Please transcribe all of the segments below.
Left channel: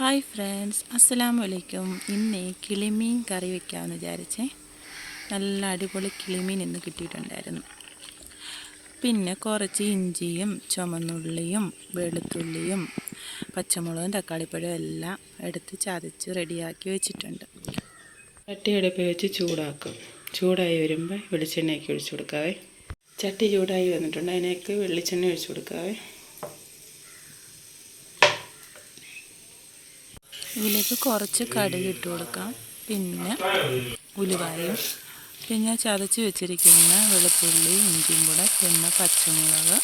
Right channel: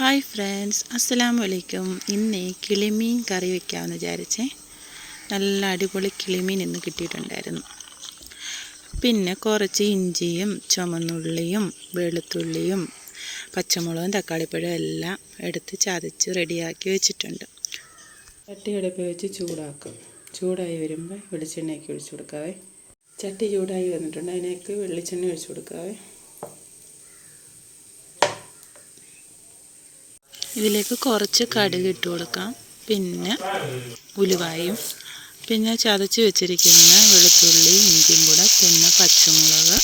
Hi friends അസ്സലാമു അലൈക്കും ഇന്ന് കിളിമീൻ കറി വെക്കാമെന്ന് വിചാരിച്ചേ. നല്ല അടിപൊളി കിളിമീൻ ഇന്ന് കിട്ടിയിട്ടുണ്ടായിരുന്നു. പിന്നെ കുറച്ച് ഇഞ്ചിയും ചുമന്നുള്ളിയും വെളുത്തുള്ളിയും പച്ചമുളകും തക്കാളിപ്പഴവും എല്ലാം എടുത്ത് ചതച്ച് റെഡിയാക്കി വെച്ചിട്ടുണ്ട്. ചട്ടി അടുപ്പ് വെച്ച് ചൂടാക്കും. ചൂടായി വരുമ്പോൾ വെളിച്ചെണ്ണയൊക്കെ ഒഴിച്ചു കൊടുക്കാവേ. ചട്ടി ചൂടായി വന്നിട്ടുണ്ട്. അതിനേക്ക് വെളിച്ചെണ്ണ ഒഴിച്ചു കൊടുക്കാവേ. ഇതിലേക്ക് കുറച്ച് കടുക് ഇട്ട് കൊടുക്കാം. പിന്നെ ഉലുവായും പിന്നെ ചതച്ച് വെച്ചിരിക്കുന്ന വെളുത്തുള്ളി ഇഞ്ചിയും കൂടെ പിന്നെ പച്ചമുളക്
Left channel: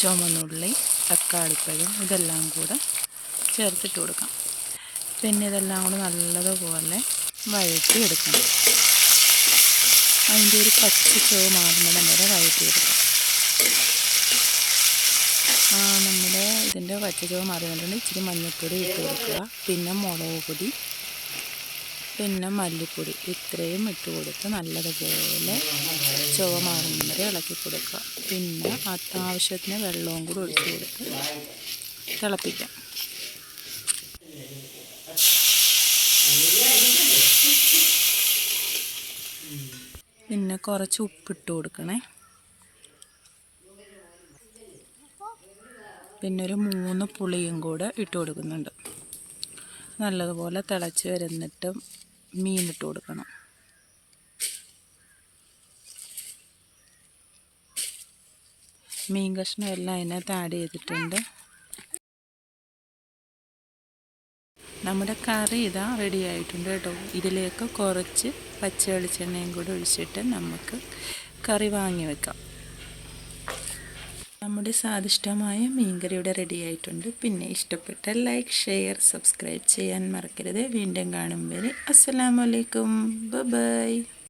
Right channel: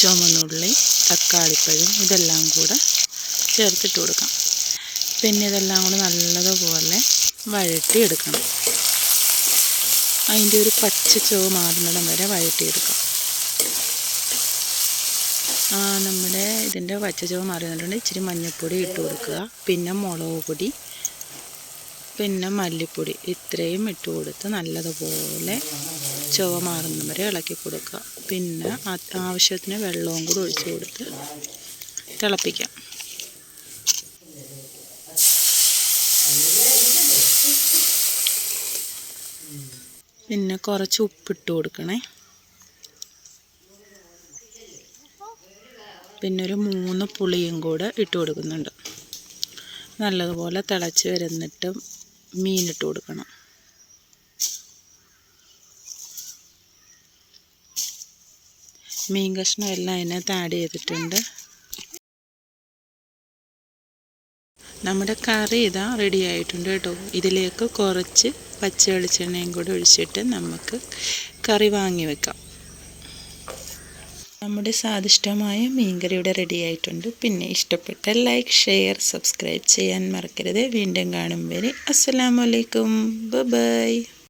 ചുമന്നുള്ളി തക്കാളിപ്പഴം ഇതെല്ലാം കൂടെ ചേർത്തിട്ട് കൊടുക്കാം. പിന്നെ ഇതെല്ലാം കൂടെ നല്ലതുപോലെ വഴറ്റി എടുക്കണം. അതിന്റെ ഒരു പച്ച ചുവ മാറുന്നിടം വരെ വഴറ്റിയെടുക്കാം നമ്മുടെ ഇതിന്റെ പച്ചചുവ മാറി വന്നിട്ടുണ്ട് ഇച്ചിരി മഞ്ഞൾപ്പൊടി ഇട്ട് കൊടുക്കുക. പിന്നെ മുളക് പൊടി പിന്നെ മല്ലിപ്പൊടി. ഇത്രയും ഇട്ട് കൊടുത്ത് നല്ലതുപോലെ ചുവ മാറുന്ന വരെ ഇളക്കി കൊടുക്കുക. പിന്നെ ആവശ്യത്തിന് വെള്ളവും കൂടി ഒഴിച്ച് കൊടുത്ത് തിളപ്പിക്കാം. പിന്നെ കുറച്ച് ഉപ്പിട്ട് കൊടുക്കണേ. പിന്നെ ഒരു മൂന്ന് പുളിയും കൂടെ ഇട്ട് കൊടുക്കുന്നുണ്ട്. നല്ലതുപോലെ തിളച്ച് വരുന്നിട്ട് മീനിട്ട് കൊടുക്കണം. മീൻ കഷ്ണം എല്ലാം അതിനകത്ത് ആഡ് ചെയ്തിട്ടുണ്ട്. നമ്മുടെ കറി ഇതാ റെഡി ആയിട്ടുണ്ട് കേട്ടോ. ഇതിലേക്ക് കുറച്ച് പച്ച വെളിച്ചെണ്ണയും കൂടെ ഒഴിച്ചിട്ട് നമുക്ക് കറി വാങ്ങി വെക്കാം. നമ്മുടെ സ്വാദിഷ്ടമായ മീൻകറി ഇവിടെ റെഡി ആയിട്ടുണ്ട്. പിന്നെ ഇഷ്ടപ്പെട്ട ലൈക്ക് ഷെയർ സബ്സ്ക്രൈബ് ചെയ്യാൻ മറക്കരുത്. വീണ്ടും കാണും വരെ. അസ്സലാമലൈക്കും ബൈ